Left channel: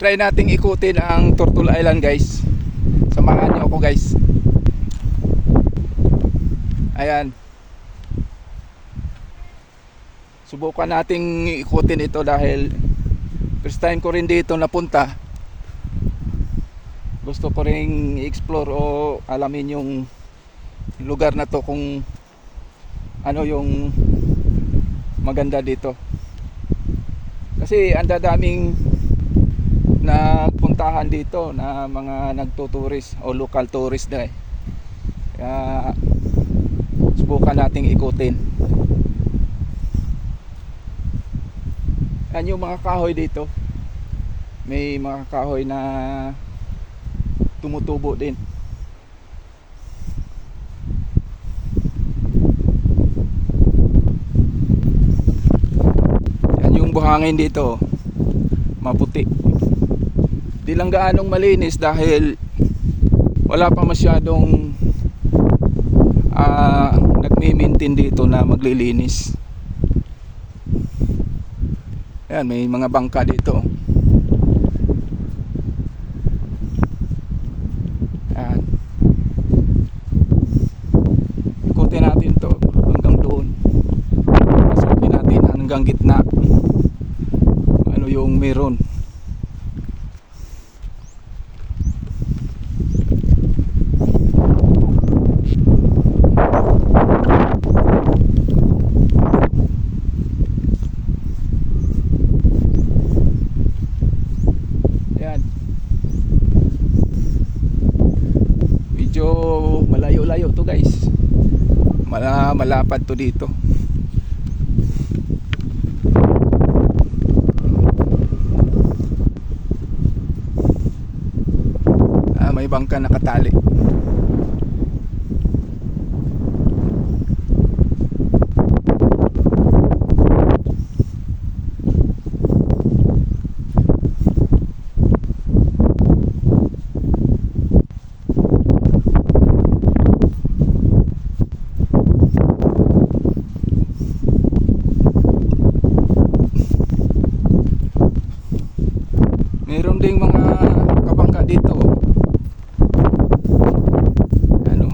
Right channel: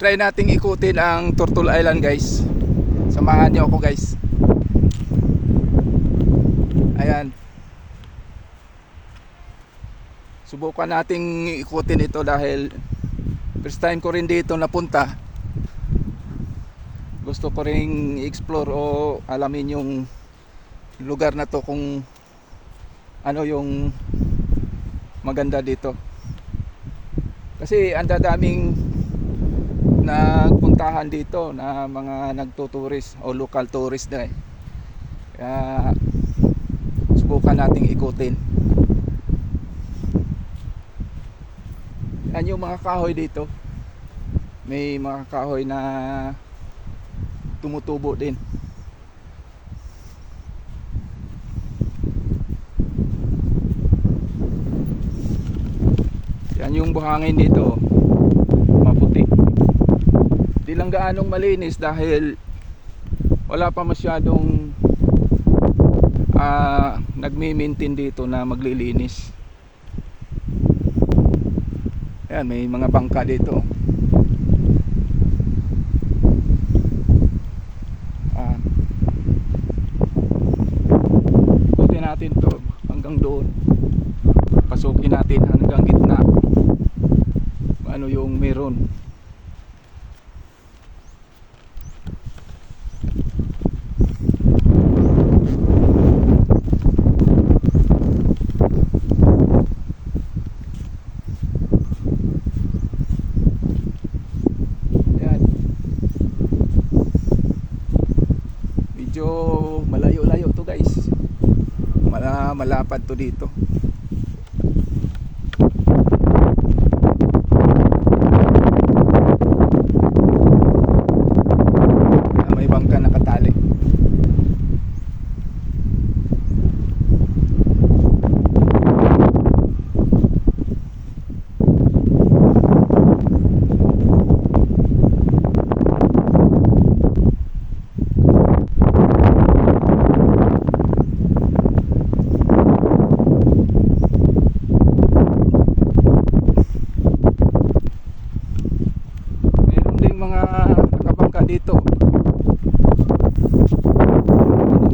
try nating ikutin ang Turtle Island guys. Samahan niyo ako guys. Ayan. Subukan nating ikutin ito dahil first time ko rin dito napunta. Gusto ko ring i-explore o alamin yung lugar na to kung ano yung maganda dito. Kasi ang dadaming nagpuntahan dito na mga nagtuturis o local tourist na eh. Kaya subukan nating ikutin. Yan yung mga kahoy dito. May mga kahoy na tumutubo din. Yan yung buhangin dito. Maputi. Di lang gaanong malinis dahil wala pa masyadong ah, nagmi-maintain dito na maglilinis. Ayan, may mga bangka dito. Ayan. Ikutin natin to hanggang doon. Pasukin natin hanggang gitna. Ano yung meron. Ayan. Medyo malayo-layo to guys. Mala malapad to dito. Ah, may bangka nakatali. Meron ding mga kabangka dito. oh. Ano?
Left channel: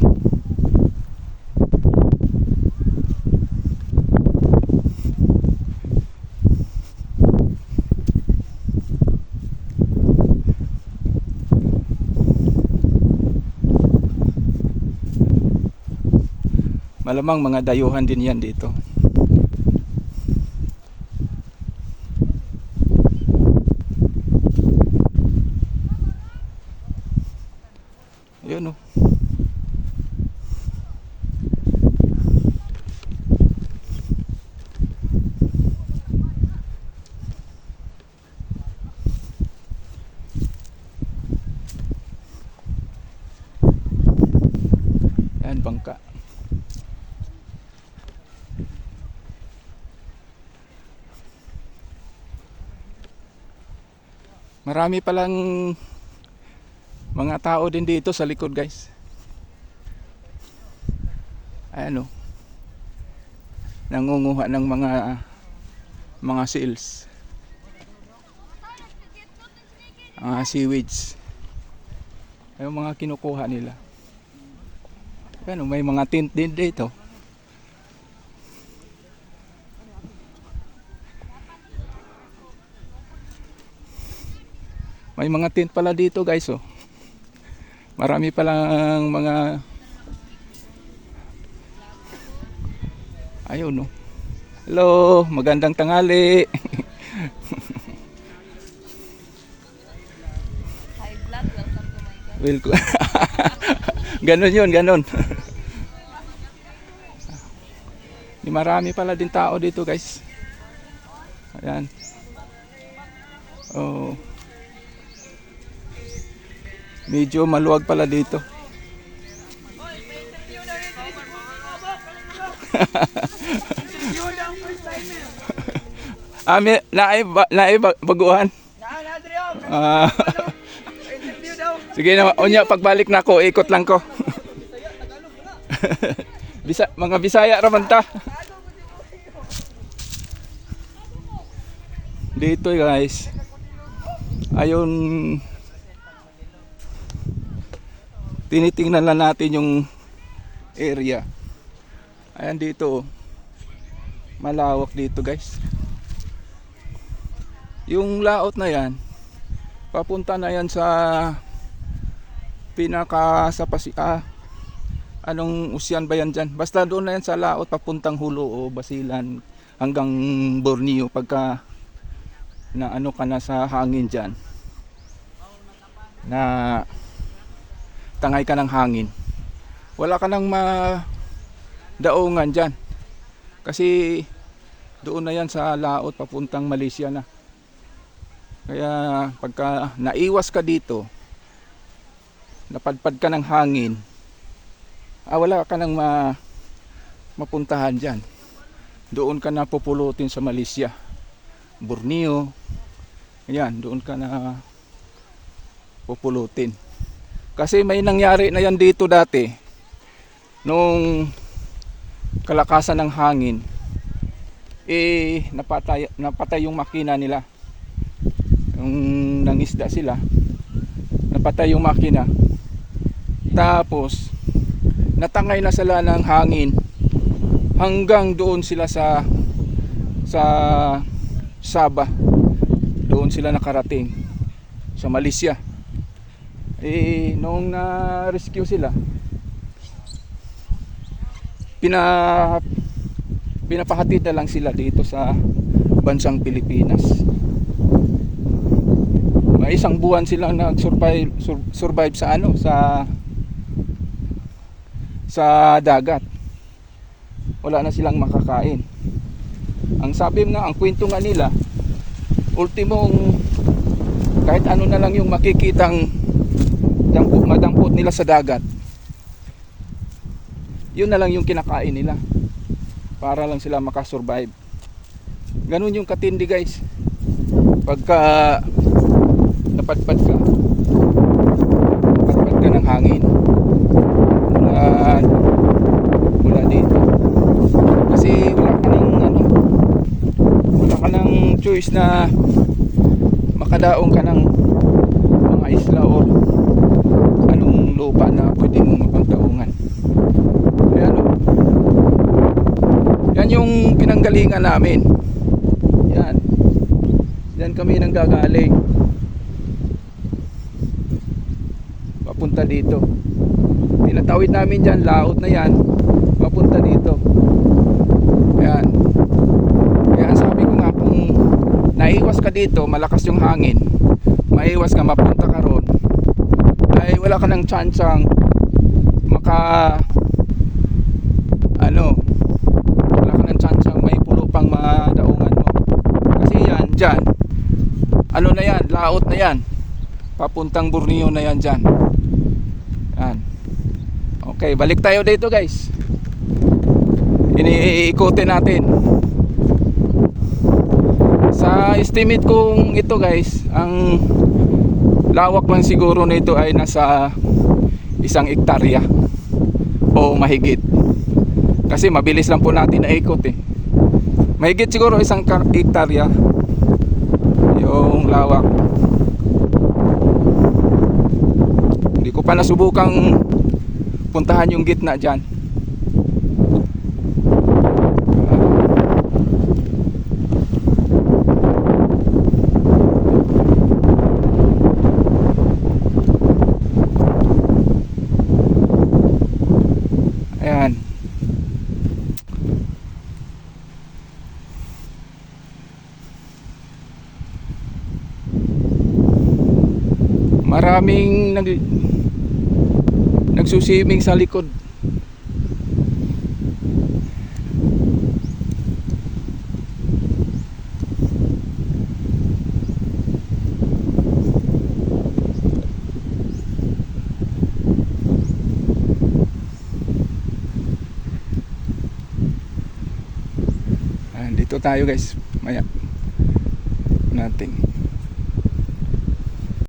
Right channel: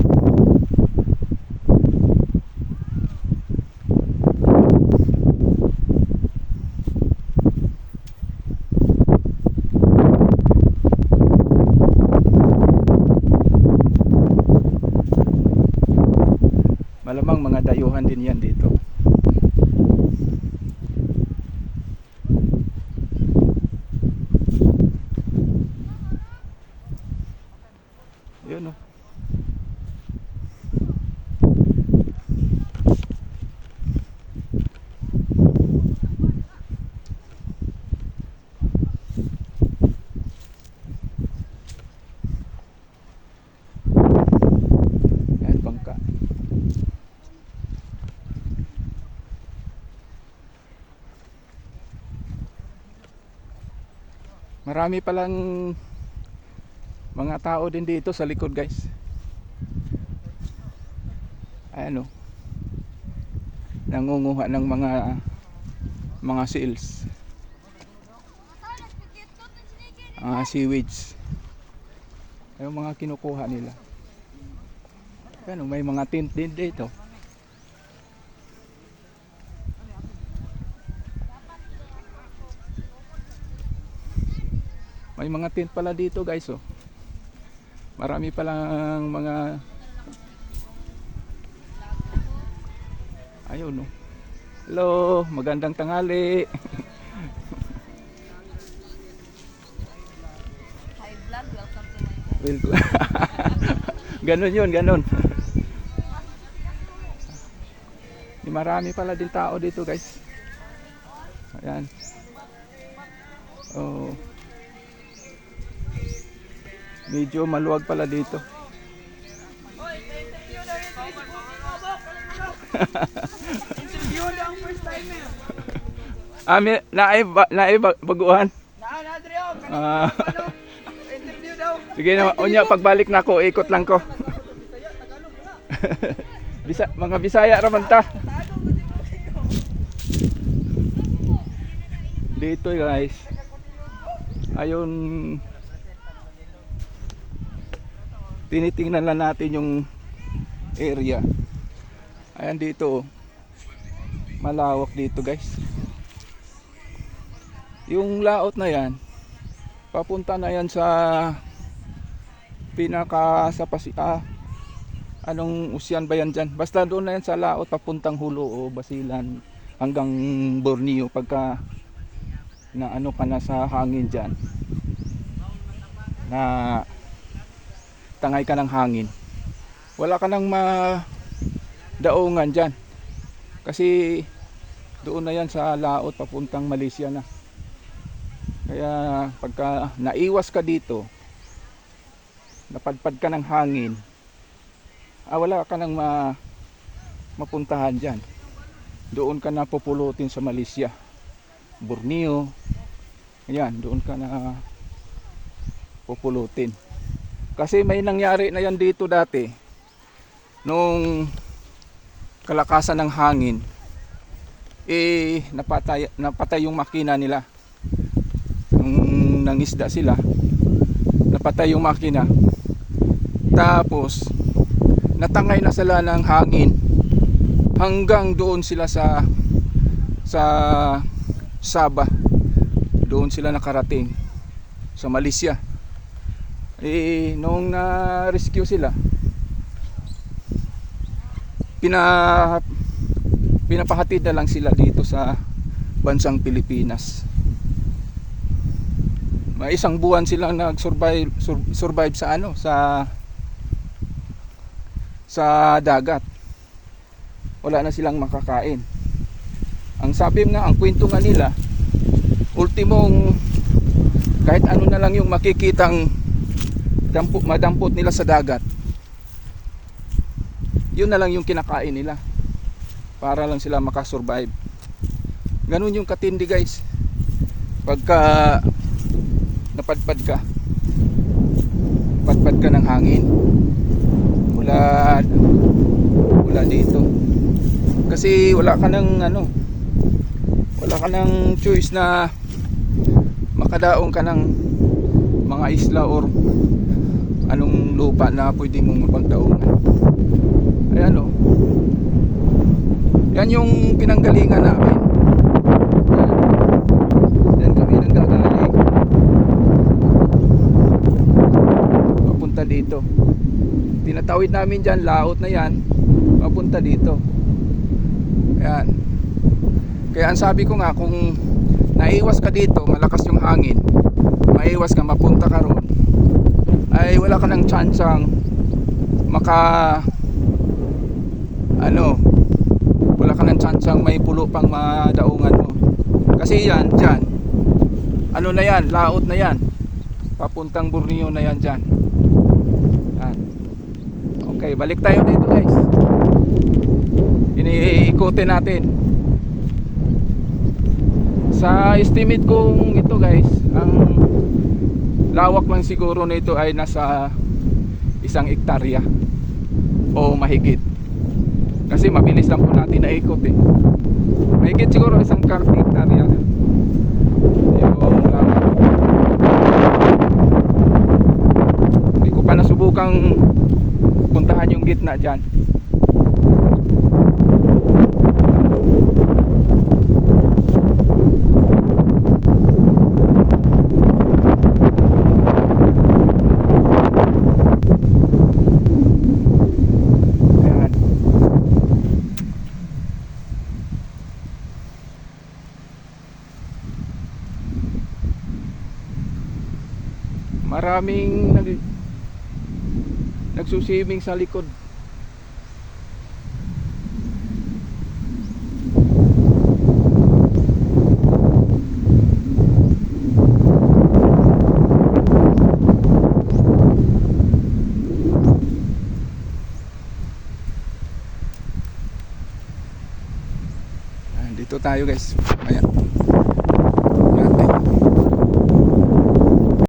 Malamang mga dayuhan din yan dito. Ayan oh. Yan bangka. Marami palang mga tao din dito sa likod guys. Ayan o nangunguha ng mga mga seals. Mga seaweeds. Yung mga kinukuha nila. Ayan o may mga tint din dito. May mga tint pala dito guys oh Marami palang mga Ayun no. Hello, magandang tangali. High blood, welcome to my. Welcome. ganon yun, ganon. Di marami pala din tao dito guys. Ayan. Oh. Medyo maluwag pala dito. ah, may, naay, ba, naay ba- baguhan? Ah. Sige na, unya pagbalik na ikot lang ko. Bisa, mga Bisaya raman ta. Dito guys. Ayun, tinitingnan lang natin yung area. Ayan dito, oh. malawak dito guys. Yung laot na yan, papunta na yan sa pinaka sa pasi ah, anong usyan ba yan dyan? Basta doon na yan sa laot papuntang hulo o basilan hanggang Borneo pagka na ano ka na sa hangin dyan na tangay ka ng hangin. Wala ka nang ma daungan dyan. Kasi doon na yan sa laot papuntang Malaysia na. Kaya pagka naiwas ka dito napadpad ka ng hangin ah, wala ka nang ma mapuntahan dyan. Doon ka na pupulutin sa Malaysia. Borneo. Yan doon ka na pupulutin kasi may nangyari na yan dito dati nung kalakasan ng hangin. Eh napatay, napatay yung makina nila. Nung nangisda sila napatay yung makina. Tapos natangay na sila ng hangin. Hanggang doon sila sa sa Sabah. Doon sila nakarating. Sa Malaysia eh nung na-rescue sila pina pinapahatid na lang sila dito sa bansang Pilipinas. May isang buwan silang nag-survive sur- survive sa ano sa sa dagat. Wala na silang makakain. Ang sabi nga ang kwento nga nila ultimong kahit ano na lang yung makikitang dampot, madampot nila sa dagat. Yun na lang yung kinakain nila. Para lang sila makasurvive. Ganun yung katindi guys. Pagka napadpad ka. Napadpad ka ng hangin. Mula mula dito. Kasi wala ka ng ano wala ka ng choice na makadaong ka ng mga isla or anong lupa na pwede mong mapagdaungan yan o yan yung pinanggalingan namin. Yan. Yan kami nang gagaling papunta dito. Tinatawid namin dyan laot na yan. Papunta dito. Yan. Kaya ang sabi ko nga kung naiwas ka dito malakas yung hangin maiwas ka mapunta ka ron ay wala ka ng tsansang maka ano wala ka ng tsansang may pulo pang madaungan mo. Kasi yan dyan. Ano na yan laot na yan. Papuntang Borneo na yan dyan. Yan. Okay balik tayo dito guys. Iniikutin natin. Sa estimate kong ito guys ang lawak man siguro nito ay nasa isang ektarya o mahigit. Kasi mabilis lang po natin na ikot eh. Mahigit siguro isang ektarya yung lawak. Hindi ko pa nasubukang puntahan yung gitna dyan Ayan. Maraming nag nagsusiming sa likod. Ayan, dito tayo guys. Ayan.